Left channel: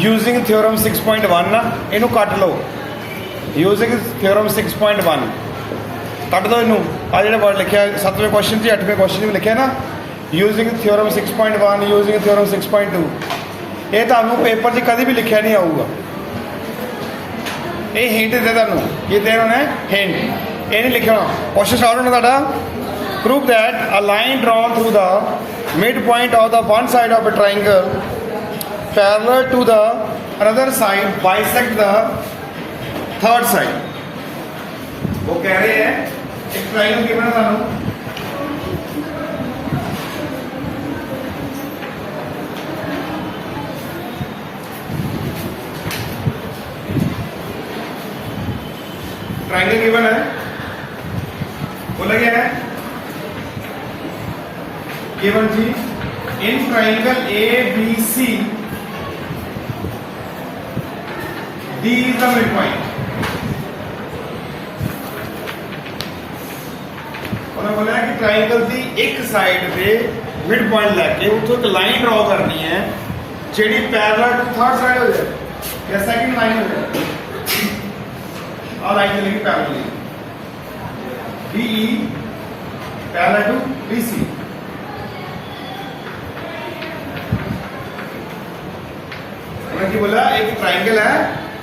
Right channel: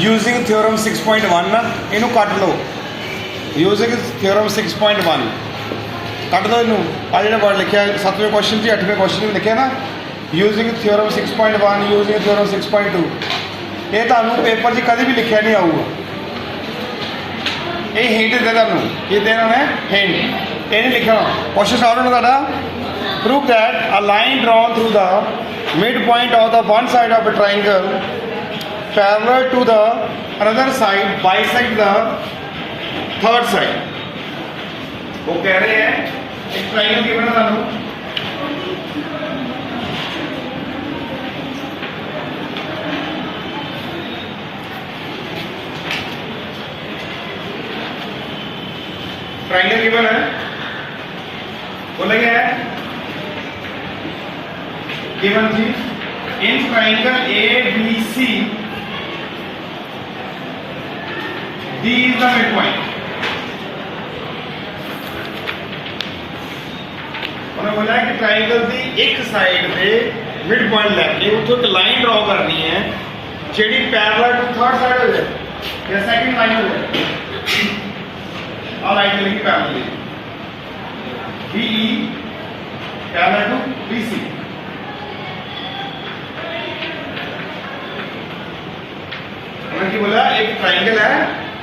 Using theorem 6.1 इनू cut लो using theorem 6.1 cut दो इनू आ जो वर्ड लिखा 7वें क्वेश्चन की 8वें क्वेश्चन में लिखा ना यूजिंग थ्योरम 6.1 यूजिंग थ्योरम 6.2 ये तुहानू पेपर च कभी भी लिखा नहीं आऊगा ये हिंट दे तुहानू ये देना है हिंट ये नहीं लिखना क्वेश्चन सॉल्व होना तुहाडा prove that a line drawn through the mid point of the one side of a triangle parallel to the another side bisect the third side. वो कह रहे हैं एक ट्रायंगल गिवन है तुहानू ट्रायंगल गिवन है बोला गया है given the in triangle A B C D is the mid point. उन्होंने बोला है कि ट्रायंगल की एक साइड पे मिड पॉइंट लैके उतो एक लाइन ड्रॉ करनी है JD parallel to third side हो जाए या सेकंड लाइन हो जाए और लाइन लिखी parallel BE parallel to BC। उन्होंने बोला एक ट्रायंगल है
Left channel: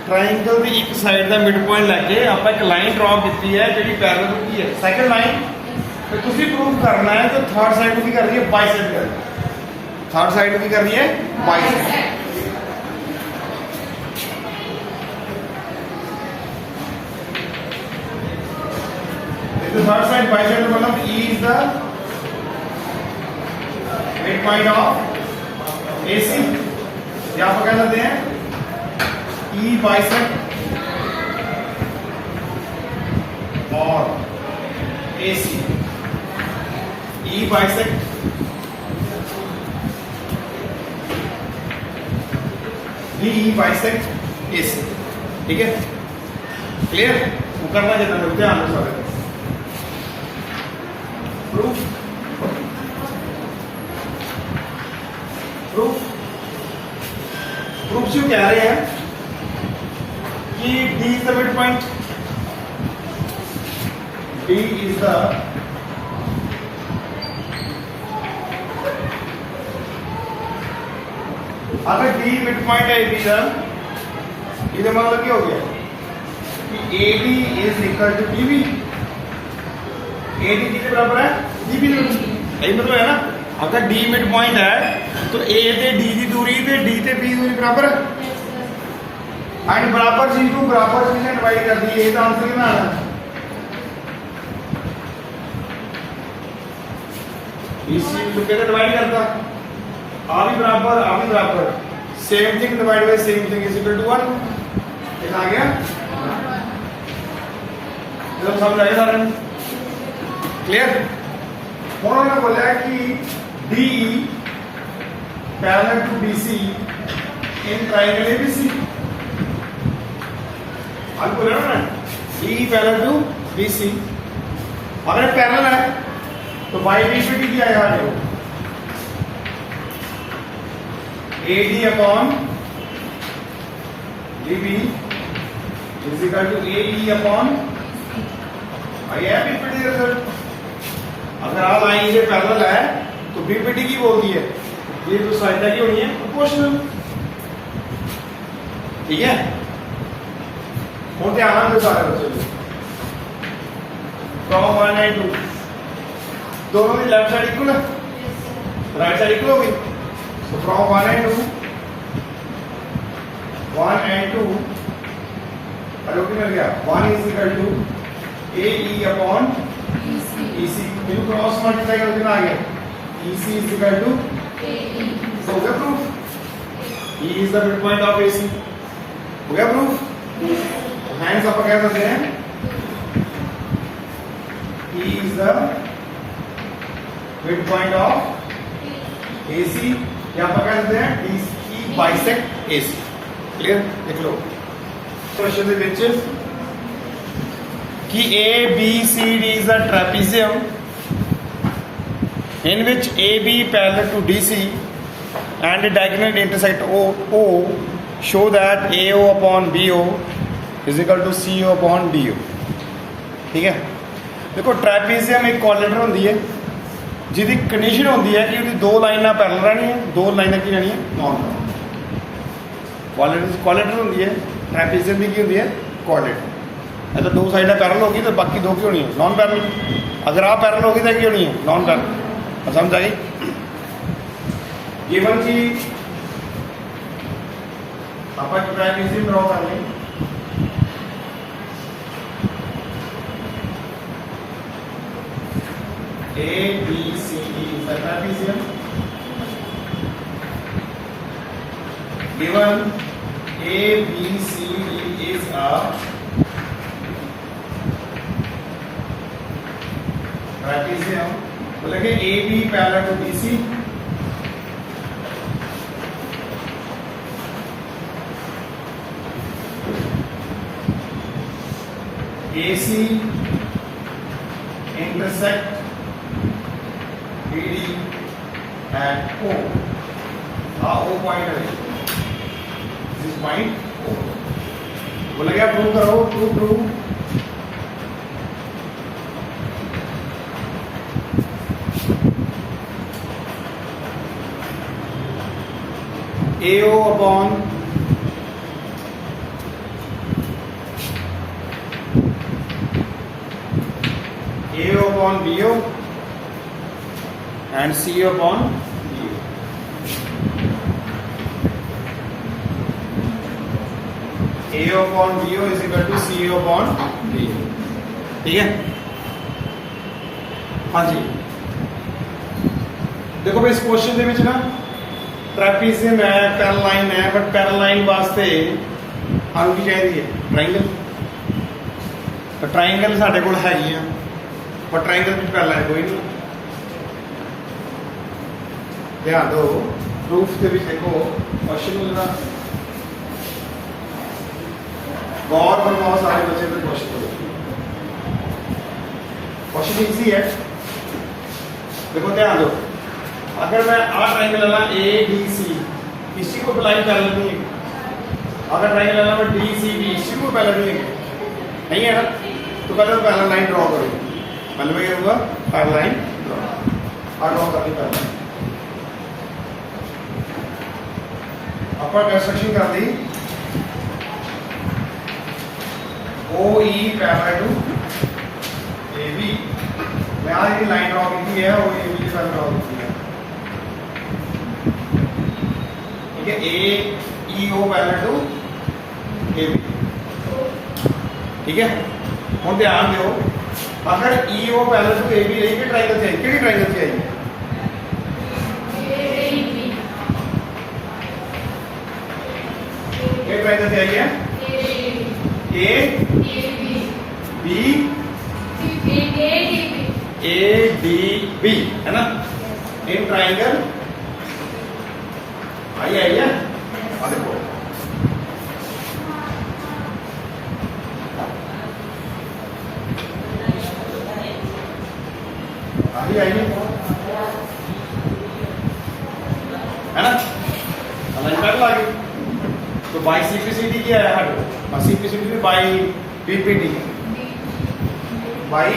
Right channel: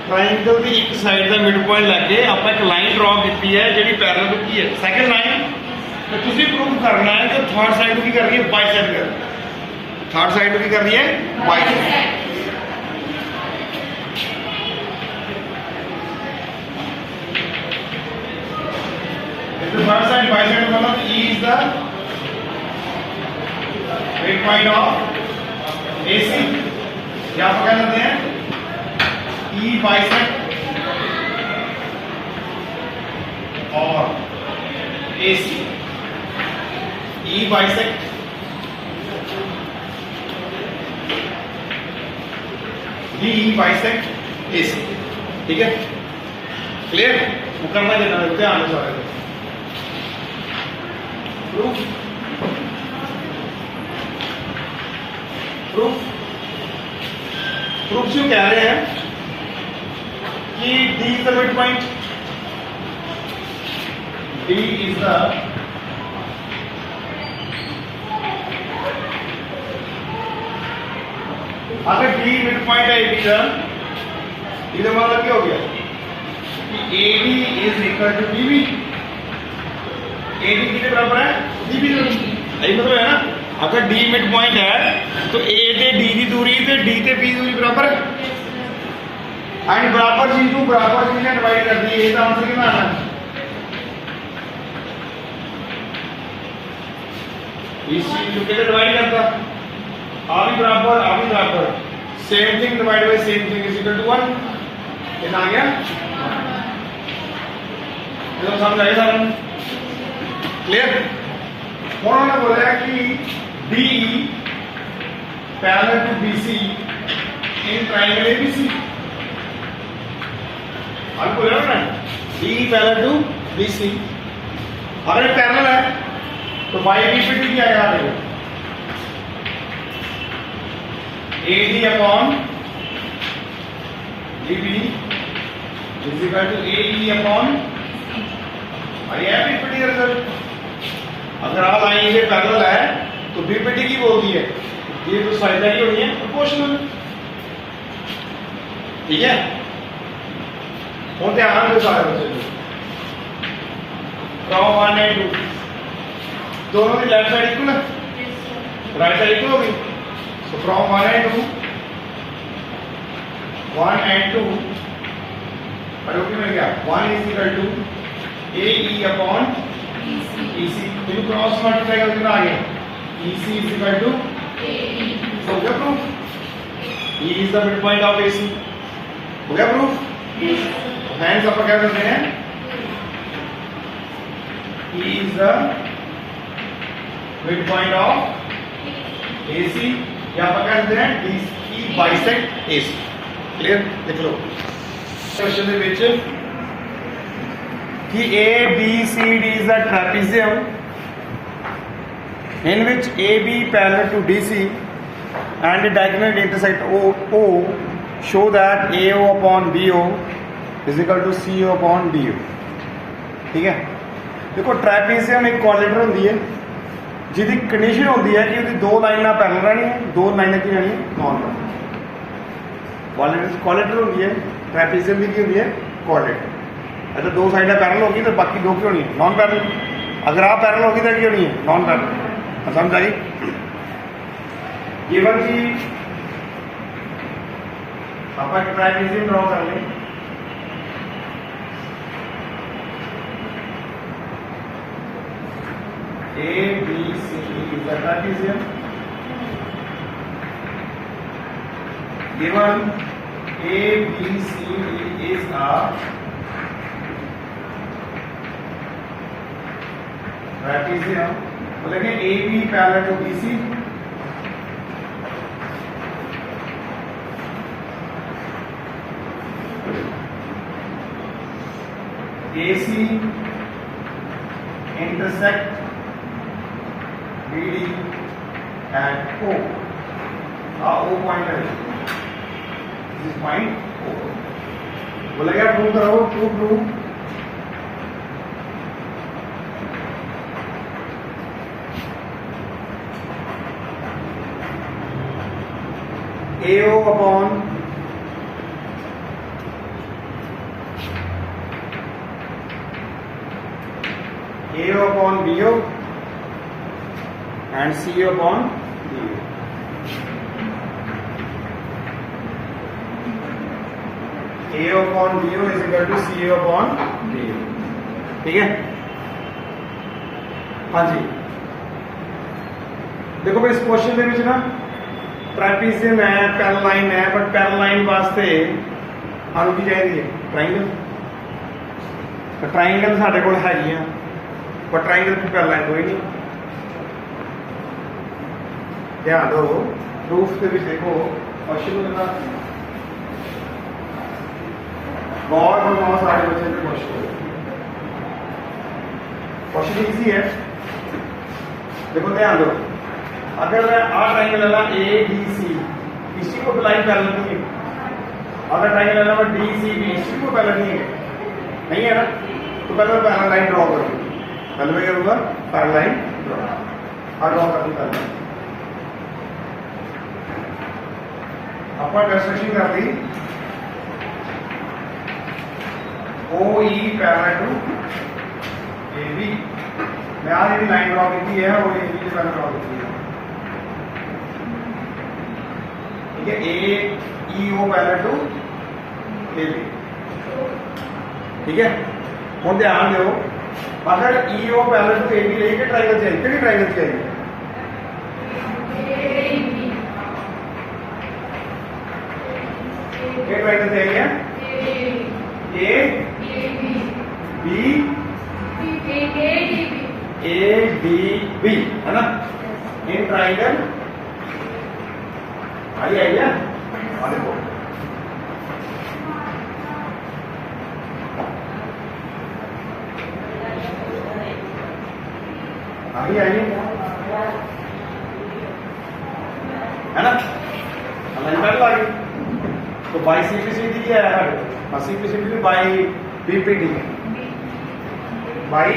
ट्रायंगल की एक साइड का मिड पॉइंट लैके आप एक लाइन ड्रॉ की है जी पैरेलल की है सैकेंड लाइन तो तुम प्रूव करना है कि थर्ड साइड की कर रही है बाइसेक्ट कर थर्ड साइड की कर रही है बाइसेक्ट। थर्ड साइड बाइसेक्ट मतलब E is the mid point of AC क्या आप क्या करते हैं E बाइसेक्ट और AC E bisect D E bisect AC ठीक है क्लियर वो करना देना ध्यान से सारे प्रूफ प्रूफ प्रूफ क्यों कह रहे हैं कि D is the mid point D is the अगर D मिड पॉइंट है AB का ये मतलब क्या हो गया कि AD is equal to BB AD कितने बराबर है BB यही मतलब है ना अगर D मिड पॉइंट है तो A ते D की दूरी ते D ते B दूरी बराबर है एंड बराबर चीज को बराबर चीज ने डिवाइड कर दी ये तो आंसर कितना आना इस चीज को कैसे डिवाइड करता आ भी बराबर same thing divide by same thing is equal to 1 कितना आ गया ये समझ आया सारा क्लियर। उन्होंने बोला कि DE parallel to BC in triangle ABC और बोला ना DE पैरेलल टू BC और ये पैरेलल है तो बाय B पे क्या आएगा देखो AD upon BB is equal to AE upon आया BPD रिजल्ट। अगर आप लाइन ये पैरेलल है तो BPD की बोलती है ये तो साइड की होनी है प्रोपोर्शनल ठीक है। और ध्यान दे सारे बच्चे फ्रॉम 1 एंड 2 दोनों की लेफ्ट साइड इक्वल है राइट साइड इक्वल होगी तो फ्रॉम 1 एंड 2 और ओके मिल गया 1 is equal to AE upon EC इनको क्रॉस मल्टीप्लाई करके कितना आ गया EC is equal to AE हो गया proof E is the mid point of AC हो गया प्रूफ। हैंड्स आप क्या करते हैं E is the mid point of AC या आप क्या करते हैं DE बाइसेक्ट AC क्लियर देख लो क्वेश्चन ਦੇ ਵਿੱਚ कि ABCD is a trapezium in which AB parallel to DC and diagonal intersect O show that A O upon B O is equal to C O upon D O. ठीक है, देखो trapezium एक quadrilateral होंदी है जिहदी condition होंदी है कि उहदी दो लाइनां पैरेलल रहणियां, दो लाइनां की रहणियां नॉन पैरेलल। क्वाड्रिलेटरल होंदी है, ट्रैपीजियम भी की होंदी है क्वाड्रिलेटरल। अच्छा, दो साइडां पैरेलल होगी तो बाकी दो की होनी है नॉन पैरेलल। अगर आप पैरेलल होगी तो की होनी है नॉन पैरेलल। समझ आई? गिवन जी आप एक ट्रैपीजियम ड्रॉ कर लें। A, B, C, D is a trapezium. Given A, B, C, D is a trapezium, मतलब कि A, B parallel to BC, AC intersect BD at O. O point है, this is point O. बोला क्या prove करो, prove AO upon BO and CO upon BO. AO upon BO is equal to CO upon BO. ठीक है? हाँ जी, देखो भाई इस क्वेश्चन ਦੇ ਵਿੱਚ ना ट्रैपीजियम है, पैरेलल लाइन है, बट पैरेलल लाइन वास्ते ਸਾਨੂੰ ਕੀ ਚਾਹੀਦੀ ਹੈ? ट्रायंगल। तो ट्रायंगल ਸਾਡੇ ਕੋਲ ਹੈਗੀ ਆ, पर ट्रायंगल की पैरेलल लाइन कोई नहीं। ध्यान दो, प्रूफ के भी देखो क्वेश्चन में ना गौर करवाओ सारे बच्चे पे। क्वेश्चन इजी है, देखो ध्यान दो। अगर मैं ट्रायंगल लेना ए डी सी, इसी को अप्लाई पैरेलल नहीं है। अगर ट्रायंगल लेना मैं डी सी डी, इसी को पैरेलल नहीं है ना, तो पहले मैं पैरेलल लाइन ड्रॉ करूँगा। पहले मैं क्या करूँगा? पैरेलल लाइन ड्रॉ करनी पहले। अपन कंस्ट्रक्शन कर दी OE पैरेलल टू AB। मैं आज ये लाइन ड्रॉ की है वो AB के पैरेलल ड्रॉ की है। ठीक है, AEO पैरेलल टू AB। ठीक है, हम ध्यान दो, अगर EO पैरेलल टू AB रही तो ट्रायंगल चाहिए, कितनी ट्रायंगल चाहिए? एक ट्रायंगल चाहिए A B A D B, है ना? इन ट्रायंगल आई है। देखो आई है ना? लाइन पैरेलल आ गई। तो बाई सीपीसीडी क्या है? हट CPCD by BPD, by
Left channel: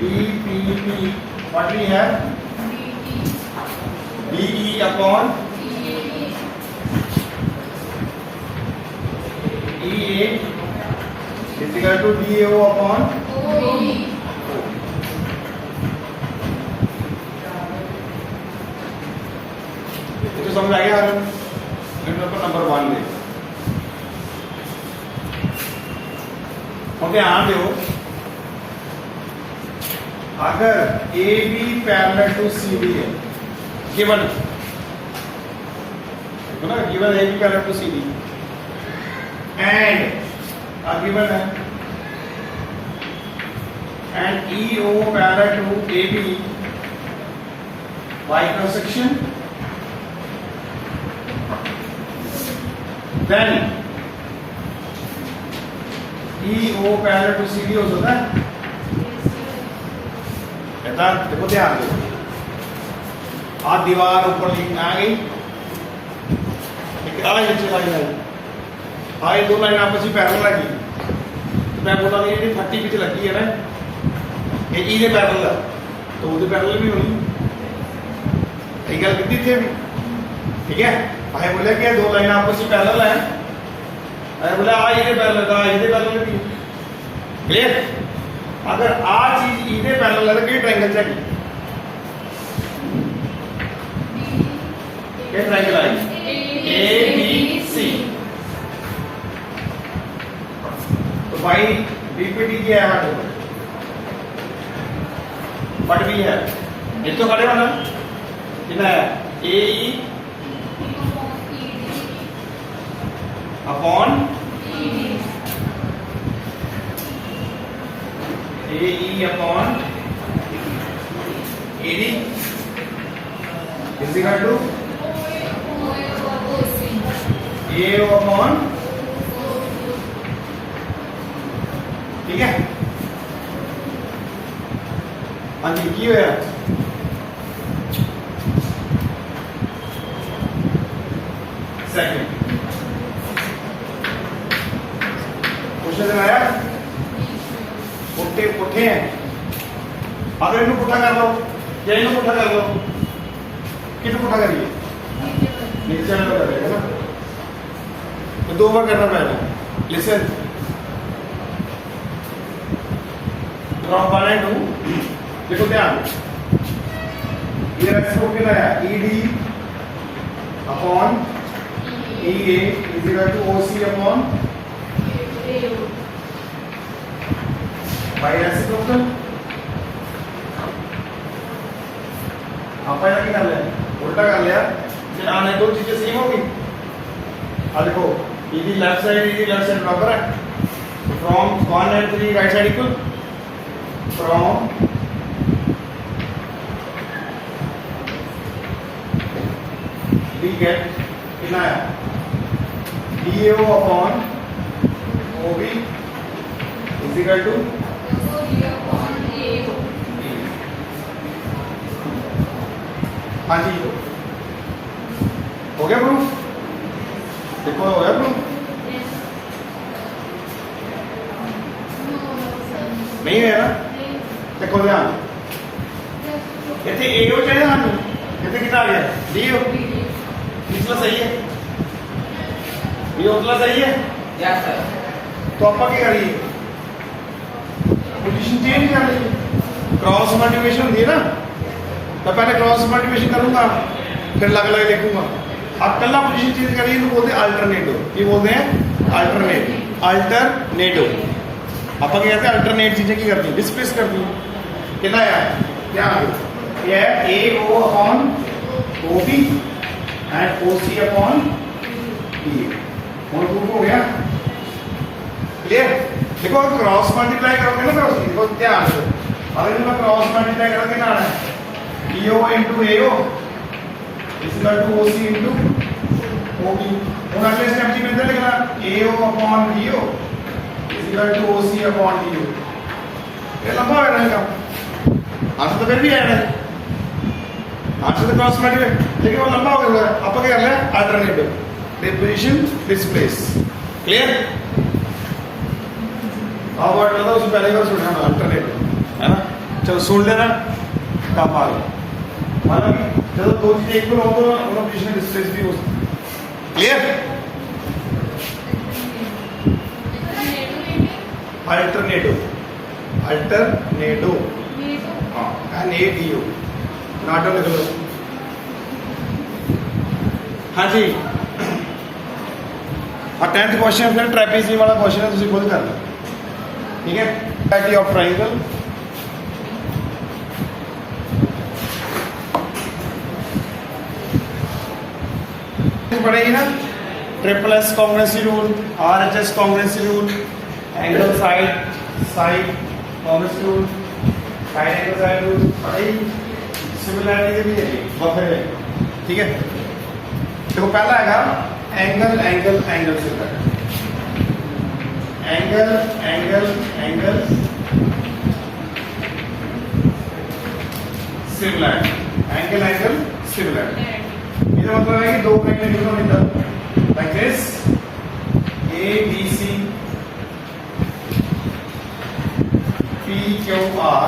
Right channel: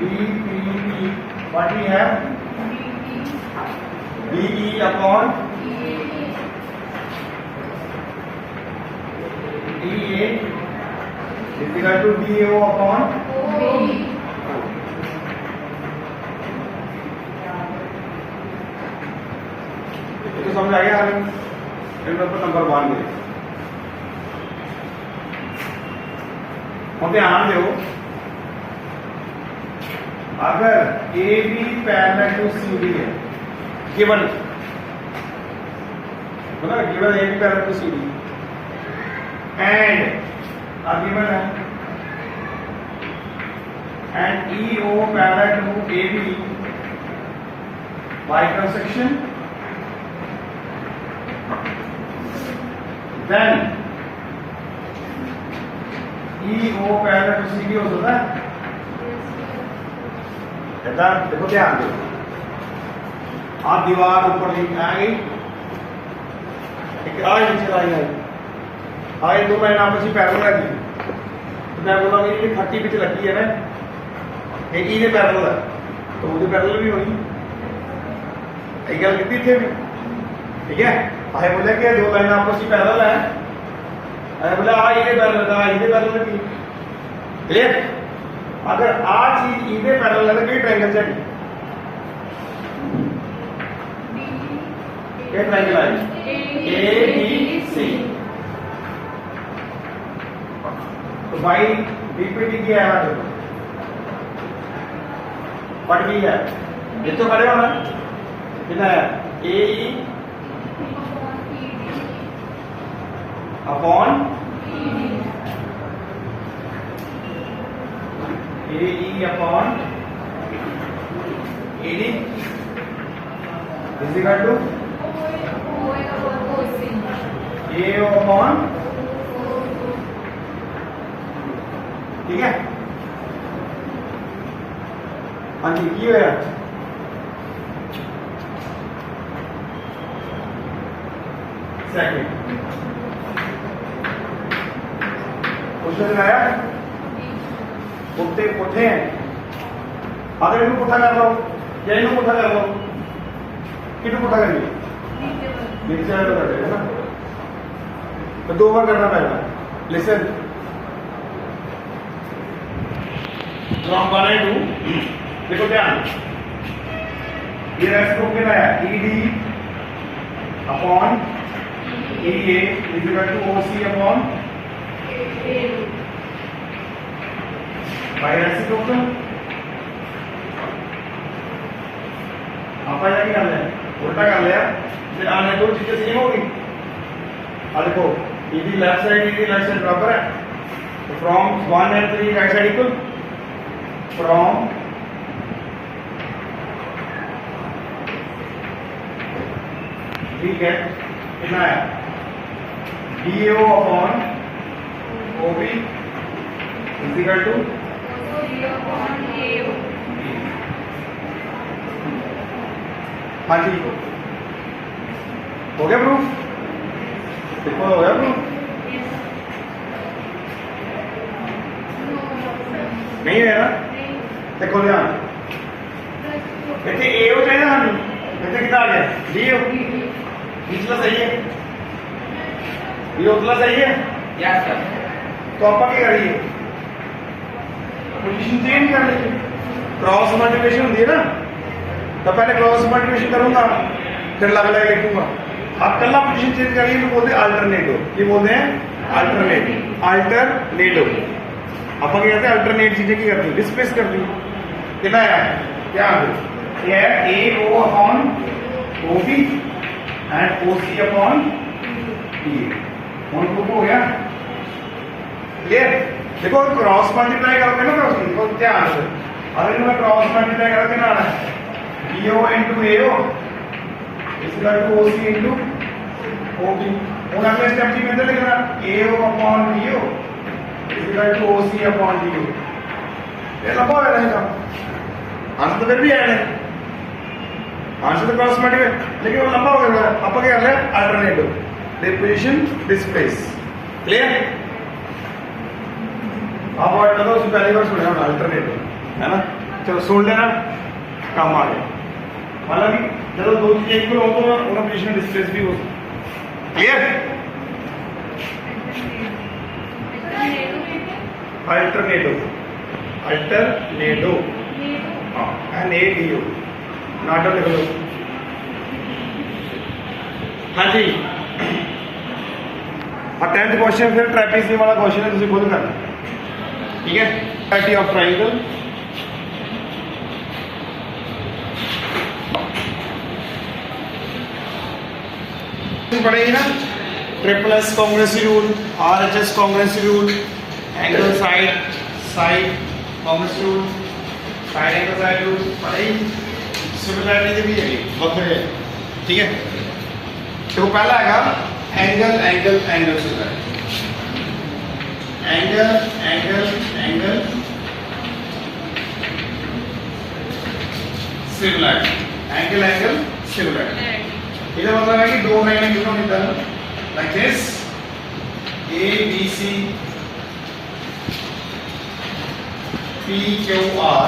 BPD what we have BE upon EA is equal to BO upon OE। तो समझ आ गया? नंबर 1 दे और ध्यान दो, अगर AB पैरेलल टू CD है, गिवन बोला given AB parallel to CD and given है and EO parallel to AB by intersection, then EO parallel to CD हो सकता है। देखो ध्यान दो, आप दीवार ऊपर लिखना आ गई, आए दो लाइन आपस में पैरेलल है तो मैं बोला ये 30 पिच लगी है ना ये पैरेलल है तो वो पैरेलल भी होनी एक गल की थे भी ठीक है आए बोले कि दो लाइन आपस में पैरेलल है आए बोला ये पैरेलल था ये पैरेलल नहीं क्लियर अगर आ चीज ये पैरेलल है तो किस ट्रायंगल चाहिए ये ट्रायंगल आई ए बी सी तो भाई बीपीटी क्या है देखो व्हाट भी है ये तो खड़े होना कितना है A upon A upon AD is equal to A upon ठीक है हाँ जी की है सेकंड क्वेश्चन आया पुट्ठे पुट्ठे हैं अगर इनको पुट्ठा कर दो या इनको पुट्ठा कर दो कितना पुट्ठा करिए नीचे आने लगा है ना तो दो बार करना पड़ेगा लिसन फ्रॉम 1 and 2 देखो ध्यान ये रेसिप्रोकल कितना है ED upon EA is equal to OC upon by reciprocal अपन क्या कर लिया उल्टा कर लिया फिर आने दो चीजें सेम होगी अब देखो ईडी लेफ्ट साइड बराबर है तो from 1 and 3 right side equal from we get कितना है DAO upon OB is equal to DAO upon AO हाँ जी हो गया प्रूफ देखो हो गया प्रूफ नहीं है ना देखो ध्यान इतने ए हो जाए ना इतने कितना आ गया डी हो पिछला सही है ये उतला सही है यस सर तो आप क्या करिए पोजीशन चेंज कर लीजिए क्रॉस मल्टीप्लिकेशन होती है ना तो पहले क्रॉस मल्टीप्लिकेशन करूंगा फिर लग लिखूंगा आप कल्ला पोजीशन चेंज करिए तो बोलते हैं अल्टरनेटिव ये बोलते हैं अल्टरनेटिव आप क्या कहते हैं अल्टरनेट चीजें की करती है डिस्प्लेस करती है कितना है क्या ये है A O upon O B and O C upon B one two हो गया क्लियर देखो क्रॉस मल्टीप्लाई करोगे ना तो देखो क्या आंसर अगर मैं क्रॉस मल्टीप्लाई करोगे ना आना है EO into AO is equal to OC into OB और अगले स्टेप की मेथड लिखना AO upon BO is equal to OC upon BO ये लंबा हो रहेगा आंसर तो फिर भी है आंसर तो क्रॉस मल्टीप्लाई लेकिन वो लंबा हो गया अब क्या कर ले अल्टरनेटिव डिपोजिशन डिस्प्लेस क्लियर अब वर्ड तो उस पहली बार सुनना अल्टरनेटिव है ना चलो सुन लेना काम आ गया माना कि जब दो चीजें एक हो तो उनका पोजीशन डिस्प्लेस भी हो सकता क्लियर अल्टरनेटिव हाँ एन ए डी ओ नाटो लिख लो हाँ जी और 10th क्वेश्चन फिर ट्रेपेज़ियम वाला क्वेश्चन है तुझे खुद करना ठीक है ट्रायंगल ऑफ ट्रायंगल पढ़ेगी ना triple S congruency rule RHS congruency rule angle side congruency rule side angle side rule पढ़ेगी सिमिलरिटी भी है बहुत बढ़िया ठीक है तो पहला है angle angle angle similarity angle angle angle similarity angle angle similarity ये मतलब है कि दो ट्रायंगल का मिलता है like this, A B C P Q R,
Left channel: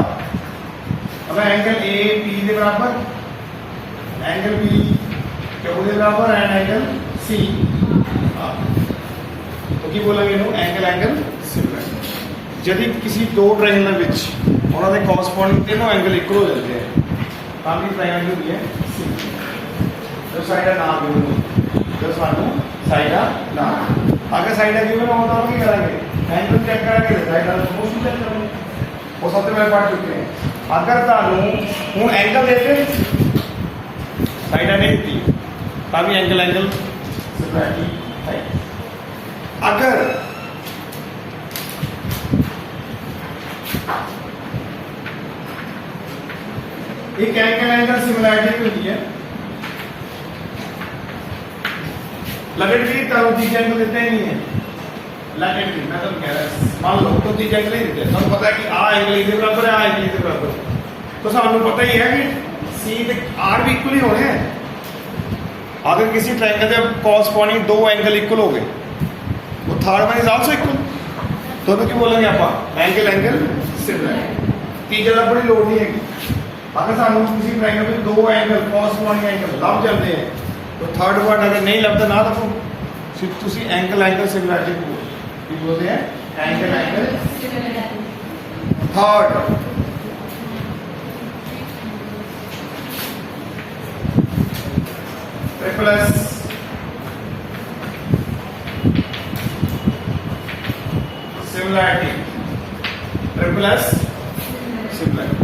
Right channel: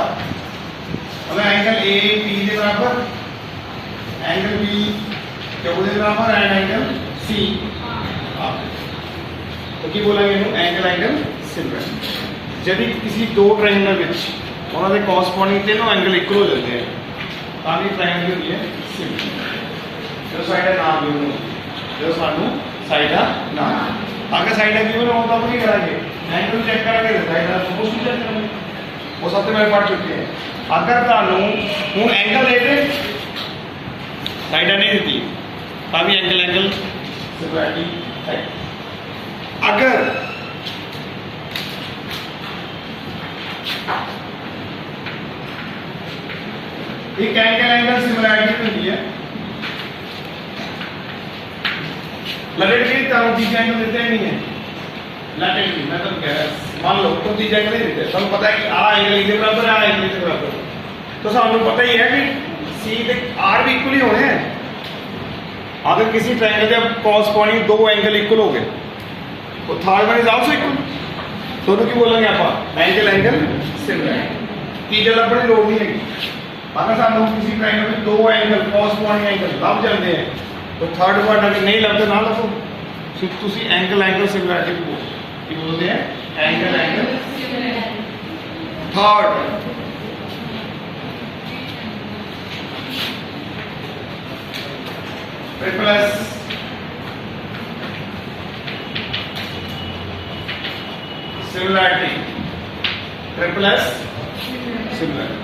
अगर एंगल A P के बराबर, एंगल B Q के बराबर एंड एंगल C R, तो की बोलेंगे एंगल सिमिलर। यदि किसी दो ट्रायंगल विच उन्होंने कॉरस्पॉन्डिंग तीनों एंगल इक्वल हो जाते हैं ताकि ट्रायंगल की होती है सिमिलर। जो साइड ना गिवन जो सानू साइड ना आगे साइड गिवन होता है, क्या करेंगे एंगल चेक करेंगे, साइड प्रोपोर्शन चेक करेंगे, वो सबसे पहले पढ़ चुके हैं। अगर तानू हूँ एंगल देते साइड नहीं देती तभी एंगल सिमिलरिटी है। अगर एक एंगल सिमिलरिटी होती है, लैटेरली तो तीसरा एंगल देते हैं नहीं है, लैटेरली मैं तो कह रहा मान लो तो तीसरा एंगल नहीं देते, सब पता है कि आ एंगल इधर बराबर है, आ एंगल इधर बराबर, तो सब हमें पता ही है कि सी ते आर भी इक्वल ही होने हैं। अगर किसी ट्रायंगल के कॉरस्पॉन्डिंग दो एंगल इक्वल हो गए तो third one is also equal, दोनों की बोलेंगे आप एंगल सिमिलर की गल अपनी लोड़ नहीं है। अगर सानू किसी ट्रायंगल में दो एंगल कॉरस्पॉन्डिंग एंगल लभ जाते हैं तो थर्ड वर्ड अगर नहीं लगता ना लिखो, सिर्फ तुसी एंगल सिमिलरिटी को बोलते हैं angle third. Plus similarity, plus similarity.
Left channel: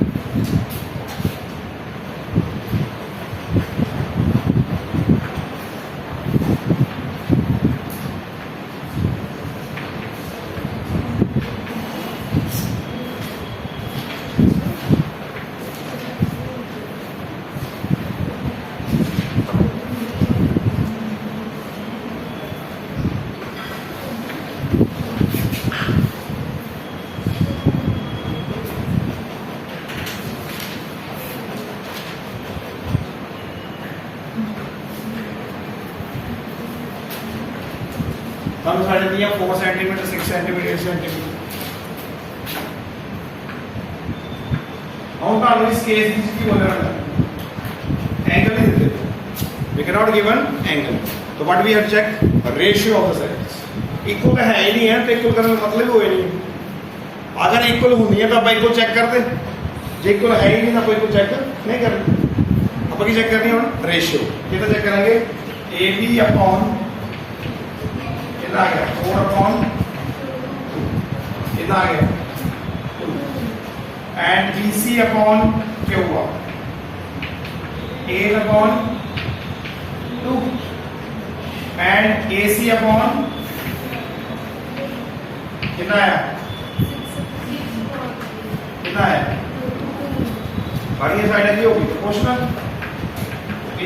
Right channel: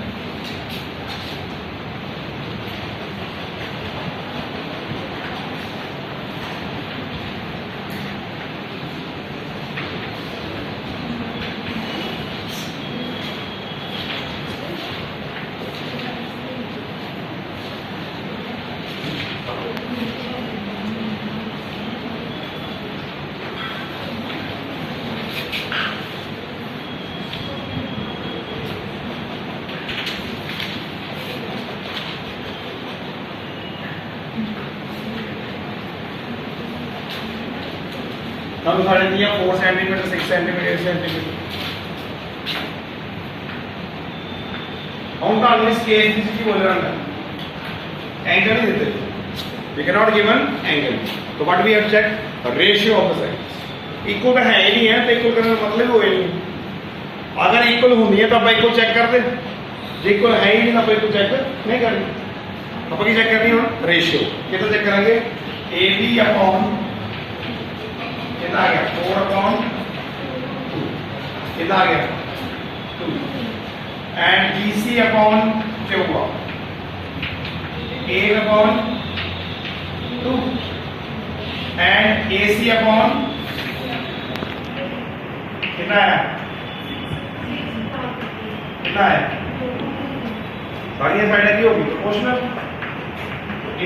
हम साढ़े दिया 4 सेंटीमीटर 6 सेंटीमीटर 8 सेंटीमीटर। हम तो इस केस की बोल रहा हूं एंगल नहीं देते, we can not given angle, तो what we have check ratio of the sides. Equal का है ही नहीं है तो इक्वल करने का मतलब हो ही नहीं। अगर इक्वल होनी है तो आप इक्वल चेक कर दे, जो इक्वल है ही नहीं तो आप इक्वल चेक नहीं करनी। अब चेक करनी है रेशियो, कितना चेक करेंगे ए बी अपॉन कितना आ गया 4/2 कितना आ गया 2 एंड BC अपॉन क्या हुआ 8/2 एंड AC अपॉन कितना है बढ़िया साइड की होगी proportional.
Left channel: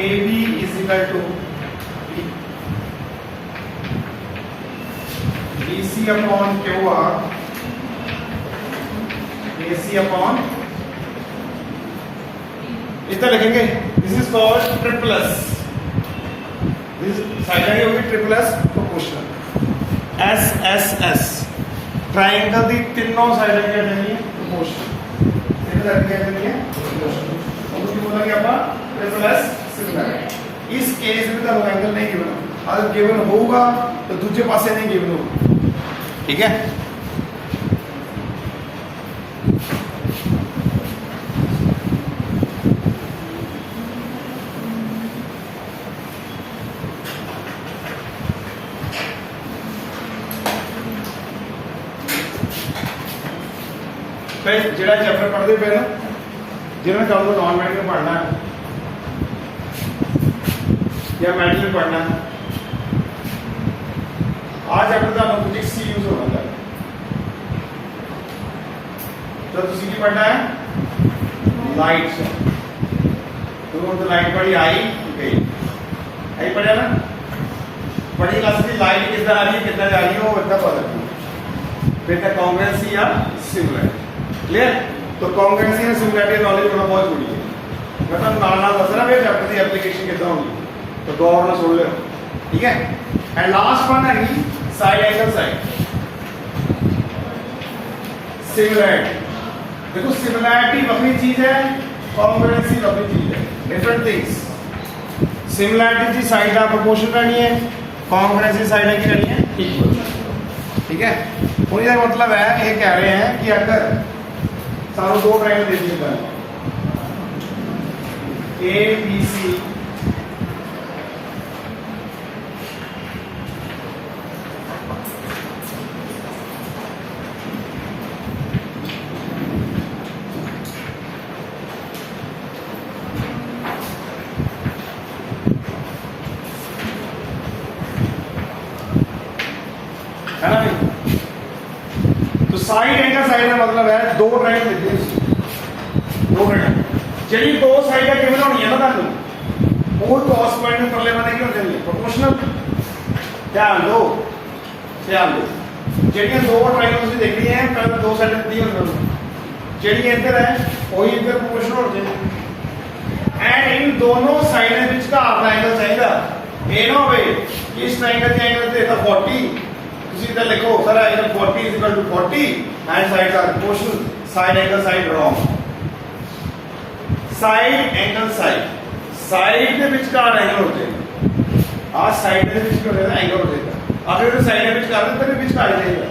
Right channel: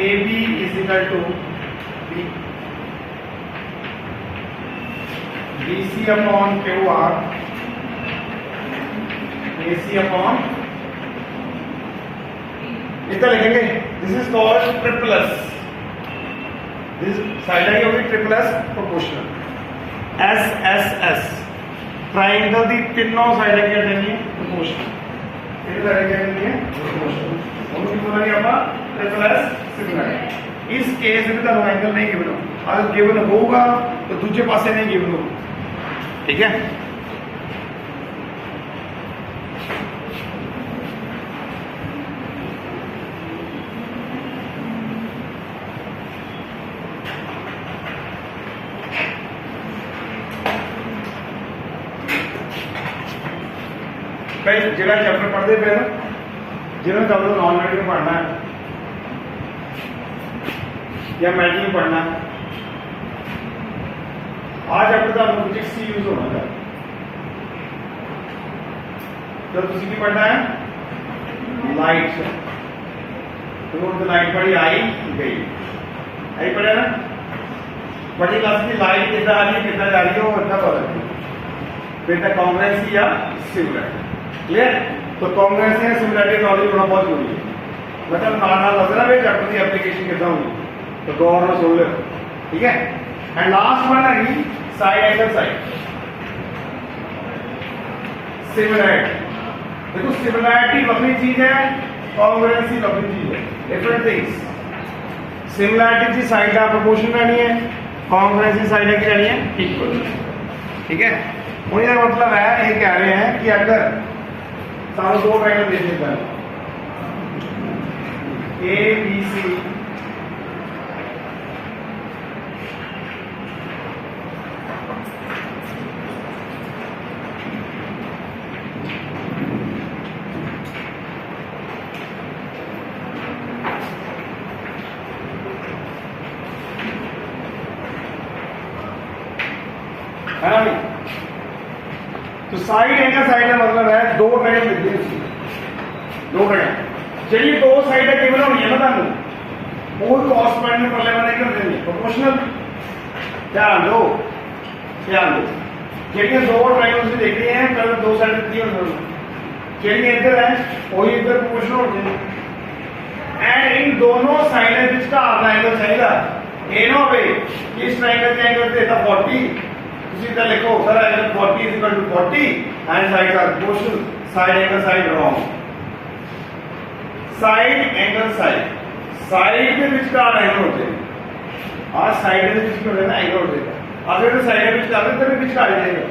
AB is equal to BC upon QR AC upon इतना लिखेंगे। This is called triple S, this side होगी ट्रिपलस प्रोपोर्शनल। SSS ट्रायंगल दी तीनों साइड की होगी प्रोपोर्शनल, तीनों साइड की होगी प्रोपोर्शनल। उनको बोलेंगे अपन ट्रिपलस सिमिलर। इस केस में तो एंगल नहीं गिवन, अगर गिवन होगा तो दूसरे पासे नहीं गिवन होगा, ठीक है। जिला चैप्टर पढ़ते पे जिन्हें कल को नॉन मेडिकल पढ़ना है या मेडिकल पढ़ना है, आज चैप्टर का फिजिक्स सी यूज होगा। तो तुसी की पढ़ना है लाइट से, तो लाइट पढ़ी आई गई पढ़ा ना, बड़ी क्लास की लाइट कितना आ रही है कितना जा रही है वो इतना पता लगेगा। फिर तक कांग्रेस या सिमिलर क्लियर। तो कांग्रेस या सिमिलरिटी नॉलेज होना बहुत जरूरी है। मतलब नाल नाल दस रहा चैप्टर की एप्लीकेशन कितना होगी, तो गौर ना सुन लो, ठीक है। एंड लास्ट वन है साइड एंगल साइड सिमिलैरिटी। देखो सिमिलैरिटी वक्री चीज है, कॉन्ग्रुएंसी वक्री चीज है, डिफरेंट थिंग्स। सिमिलैरिटी की साइड का प्रोपोर्शन रहनी है, कॉन्ग्रुएंसी साइड की रहनी है इक्वल। ठीक है, और ये मतलब है, ये कह रहे हैं कि अगर सारे दो ट्रायंगल दे दिए हैं ए बी सी है ना भाई। तो साइड एंगल साइड का मतलब है दो ट्रायंगल दे दिए, दो ट्रायंगल। चलिए दो साइड है केवल होनी है ना तुम और कॉस पॉइंट में परले वाले क्यों देंगे प्रोपोर्शनल। ध्यान दो चलिए दो ट्रायंगल्स भी देख रही हैं, पहले दो साइड दी होनी चलिए इधर है वही इधर प्रोपोर्शनल होते हैं एंड इन दोनों साइड के बीच का ट्रायंगल चाहिए ए ना भाई इस ट्रायंगल के एंगल देता 40 ਤੁਸੀਂ इधर लिखो sir angle 40 is equal to 40 and sides are proportional side angle side wrong side angle side के बीच का एंगल होते हैं आज साइड के बीच में रहना एंगल होता है अगर तो साइड के बीच का तो बीच का आ जाएगा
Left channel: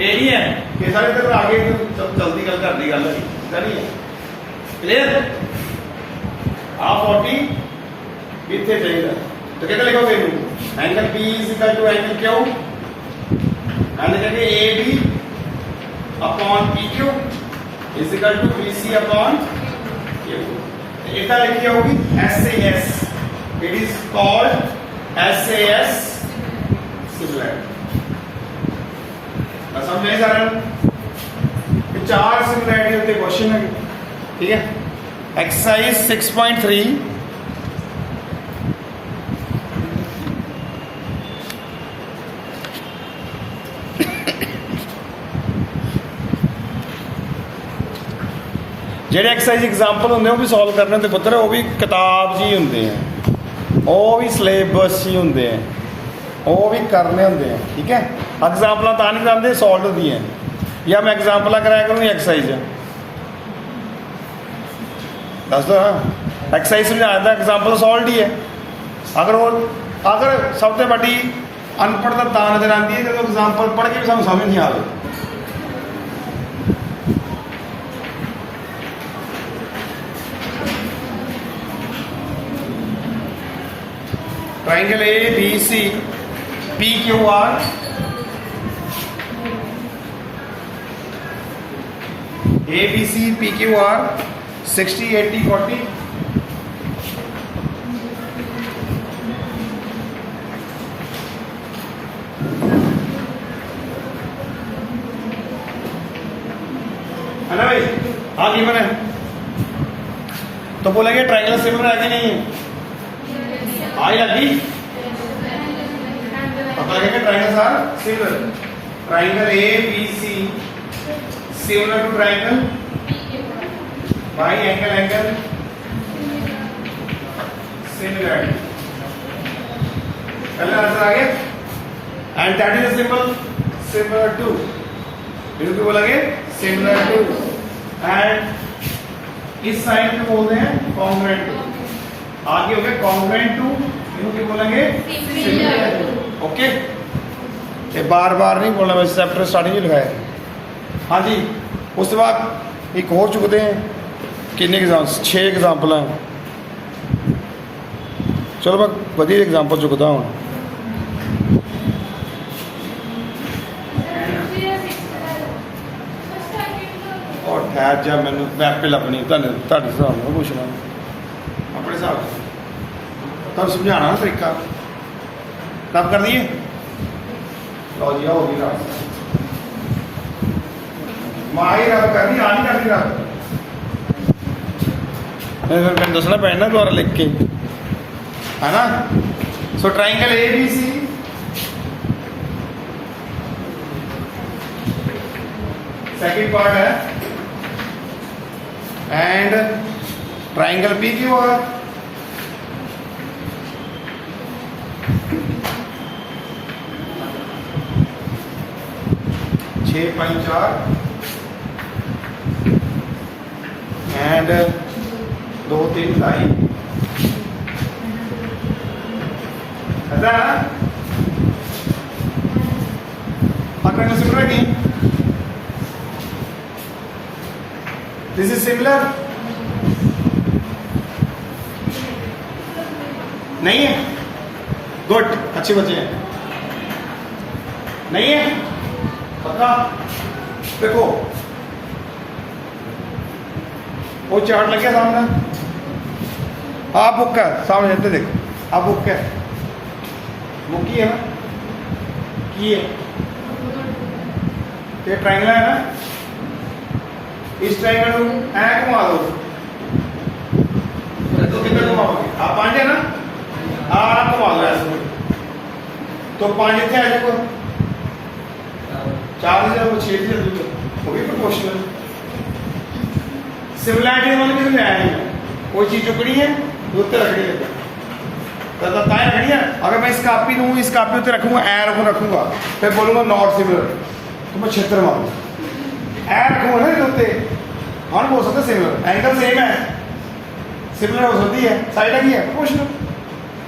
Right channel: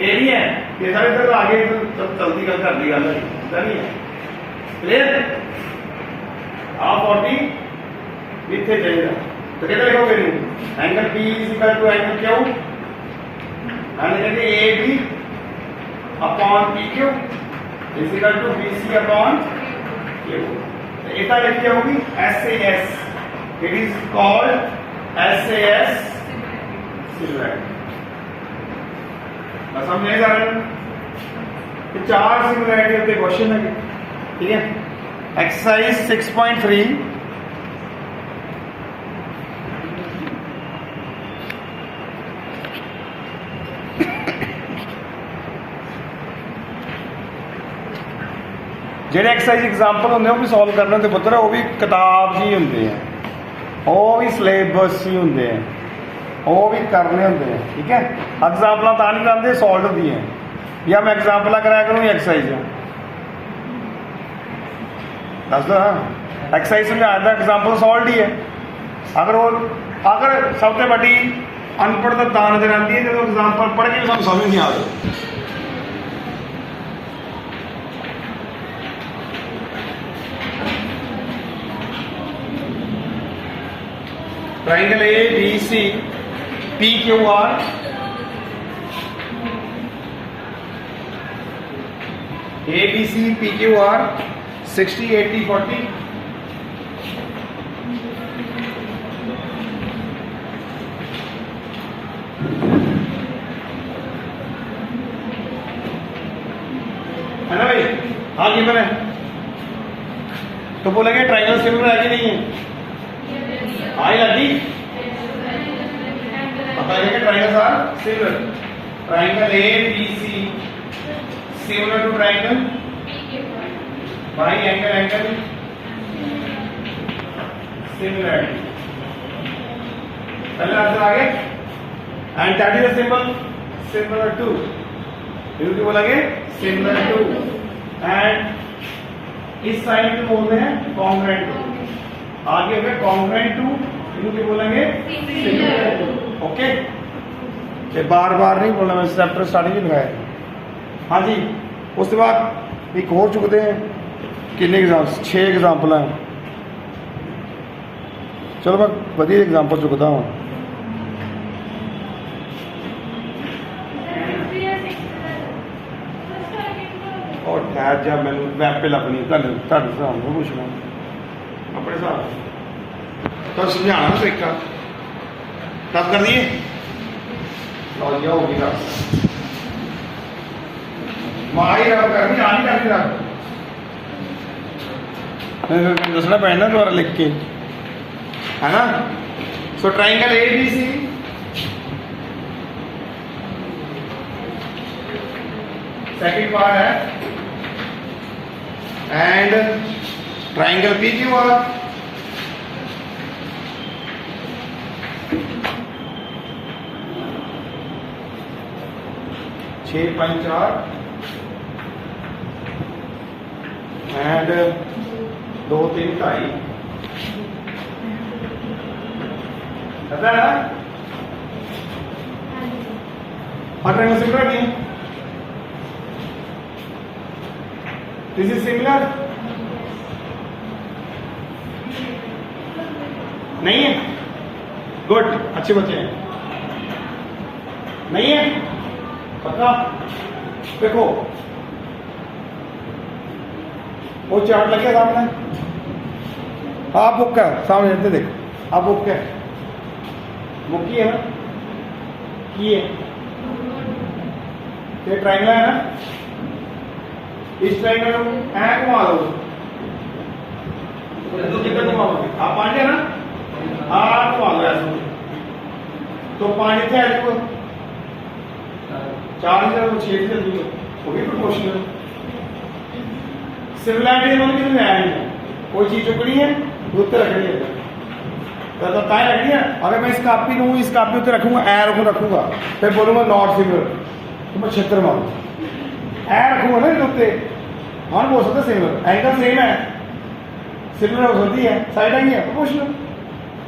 ये नहीं है कि सारे तक आगे तो जल्दी कर दी गल ऐसा नहीं है क्लियर आ 40 इतने चाहिए तो कहते लिखोगे angle P is equal to angle Q and कहते A B upon PQ is equal to BC upon इतना लिखी होगी SAS it is called SAS similarity. समझे सारे चार सिमिलैरिटी होते क्वेश्चन है ठीक है। एक्सरसाइज 6.3 ਜਿਹੜੇ ਐਕਸਰਸਾਈਜ਼ ਐਗਜ਼ਾਮਪਲ ਹੁੰਦੇ ਉਹ ਵੀ ਸੋਲਵ ਕਰਨੇ ਤੇ ਪੁੱਤਰ ਉਹ ਵੀ ਕਿਤਾਬ ਜੀ ਹੁੰਦੇ ਆ ਉਹ ਵੀ ਸਿਲੇਬਸ ਹੀ ਹੁੰਦੇ ਆ ਉਹ ਵੀ ਕਰਨੇ ਹੁੰਦੇ ਆ ਠੀਕ ਹੈ। ਐਗਜ਼ਾਮਪਲਾਂ ਤਾਂ ਨਹੀਂ ਜਾਂਦੇ ਸੋਲਵ ਹੁੰਦੀਆਂ ਜਾਂ ਮੈਂ ਐਗਜ਼ਾਮਪਲਾਂ ਕਰਾਇਆ ਕਰੂੰ ਐਕਸਰਸਾਈਜ਼ ਦੱਸ ਦੋ ਐਕਸਰਸਾਈਜ਼ ਸਮਝਾਉਣ ਦਾ ਐਗਜ਼ਾਮਪਲ ਸੋਲਵ ਹੀ ਹੈ। ਅਗਰ ਸਭ ਤੋਂ ਵੱਡੀ ਅਨਪੜ੍ਹਤਾ ਤਾਂ ਨਜ਼ਰ ਆਉਂਦੀ ਹੈ ਜਦੋਂ ਐਗਜ਼ਾਮਪਲ ਪੜ੍ਹ ਕੇ ਵੀ ਸਾਨੂੰ ਸਮਝ ਨਹੀਂ ਆਉਂਦੀ। Triangle A B C P Q R A B C P Q R 60 80 40 है ना भाई। हाँ जी मैंने तो बोलेंगे ट्राइंगल सिमिलर है कि नहीं है आई लगी पता लगे triangles are similar. Triangle A B C similar to triangle by angle similarity. पहला आंसर आ गया and that is simple similar to बिल्कुल बोलेंगे सिमिलर टू एंड इस साइड पे बोलते हैं कॉन्ग्रुएंट टू आगे हो गया कॉन्ग्रुएंट टू इनको बोलेंगे सिमिलर टू। ओके ये बार बार नहीं बोलना मैं चैप्टर स्टार्टिंग में लिखाया। हाँ जी उसके बाद एक और चुकते हैं कितने एग्जाम 6 एग्जाम्पल हैं। चलो मैं बढ़िया एग्जाम्पल चुकता हूँ। और ठहर जा मैंने वैपिल अपनी हिसाब में पूछना अपने हिसाब तब समझाना तरीका रब कर दिए लो जी होगी रब माही रब कर दी आनी करती रब फिर मैंने दसना पैना दोबारा लिख के है ना। So triangle A B C second part है and triangle P Q R 6 5 4 and 2 3 2.5 ऐसा है ना। और ट्रायंगल सिमिलर नहीं, दिस इज सिमिलर नहीं है। गुड, अच्छे बच्चे हैं। नहीं है पक्का। देखो वो चार्ट लग गया सामने, आप बुक है सामने रहते, देखो आप बुक है, बुक की है ना, की है। ये ट्रायंगल है ना, इस ट्रायंगल को ऐ घुमा दो तो कितना घुमाओगे आप? 5 है ना, आप घुमा दो ऐसे तो 5 इतने आ जाएगा, 4 से 6 से वो भी प्रोपोर्शनल। सिमिलैरिटी मतलब कितने आया है, कोई चीज चुकनी है उत्तर रखनी है, ताए रखनी है। अगर मैं इस कापी लूँ, इस कापी उत्तर रखूंगा, ए रखूंगा, फिर बोलूंगा नॉट सिमिलर तो मैं 76 मारूंगा। ए रखूंगा ना उत्ते, हाँ बोल सकते सिमिलर, एंगल सेम है, सिमिलर हो सकती है, साइड आई है प्रोपोर्शनल।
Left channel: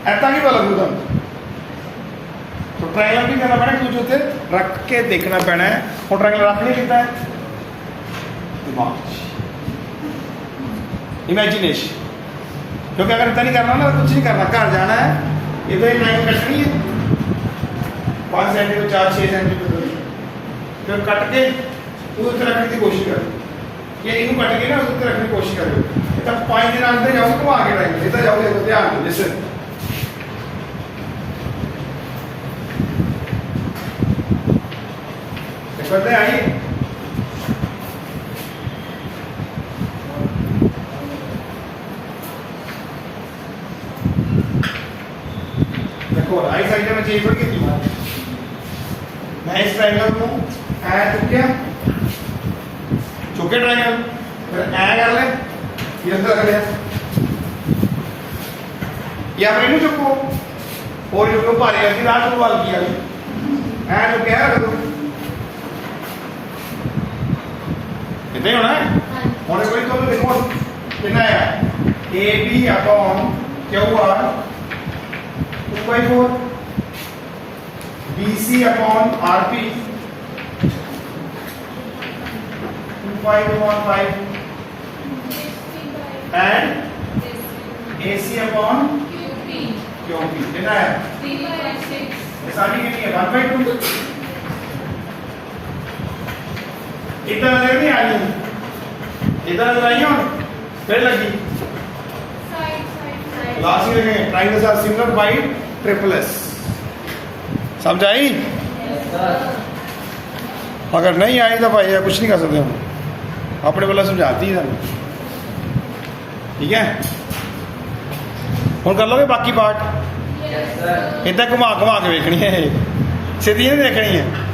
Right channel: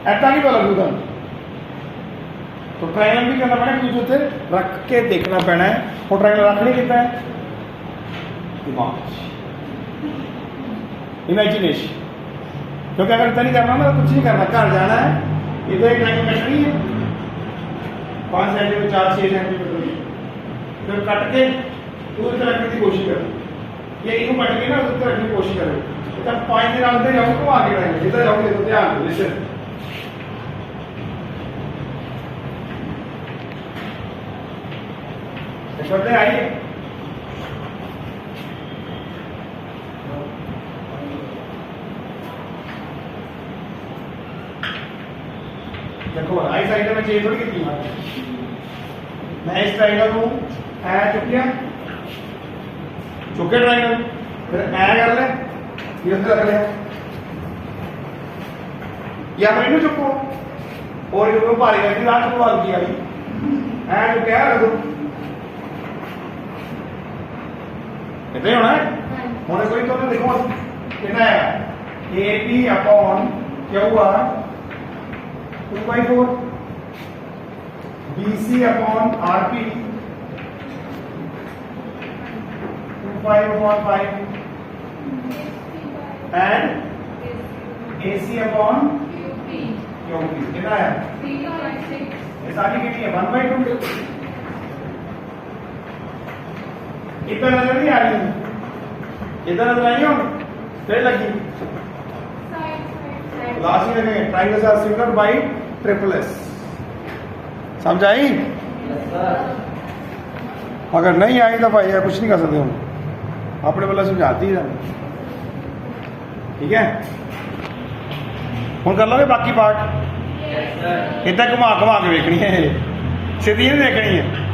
ऐसा नहीं पता लगूगा तो ट्रायंगल भी करना पैना, कुछ उत्ते रख के देखना पैना है। और ट्रायंगल रख नहीं कितना है, दिमाग, इमेजिनेशन। क्योंकि अगर इतना नहीं करना ना, कुछ नहीं करना, घर जाना है, इधर एक लाइन कटनी है 5 सेंटीमीटर 4-6 सेंटीमीटर, फिर कट के उस तरह रखने की कोशिश करो, या इनको कट के ना उस तरह रखने की कोशिश करो। तब 5 दिन अंदर जाओगे तो आगे रहेंगे, इधर जाओगे तो ध्यान दो, लिसन। बंदे आइए, देखो आई साइड में चेंज करके की मैं इस ट्रायंगल को ऐ चुके चुके ट्रायंगल, फिर ऐ कर ले, ये अंदर कर ले, या फिर इन्हें चुको और जो भारी लगी लास्ट को वाल किया ऐ चुके हैं रख दो, इतना ही होना है। होने कोई तो देखो कितना है, A B upon Q R 2/4, BC upon RP 2/5 and AC upon QP कितना है 3/6, सारी कितनी है 1/2। इतना नजर नहीं आई, इतना नजर आई हो फिर लगी लास्ट में लिखेंगे triangles are similar by triple S. समझ आई? अगर नहीं आई तो भाई कुछ नहीं कर सकते हम, अपने वाला समझाती है। ठीक है, हम कर लोगे बाकी पार्ट, इतना घुमा घुमा के देखनी है, सीधी नहीं देखनी है।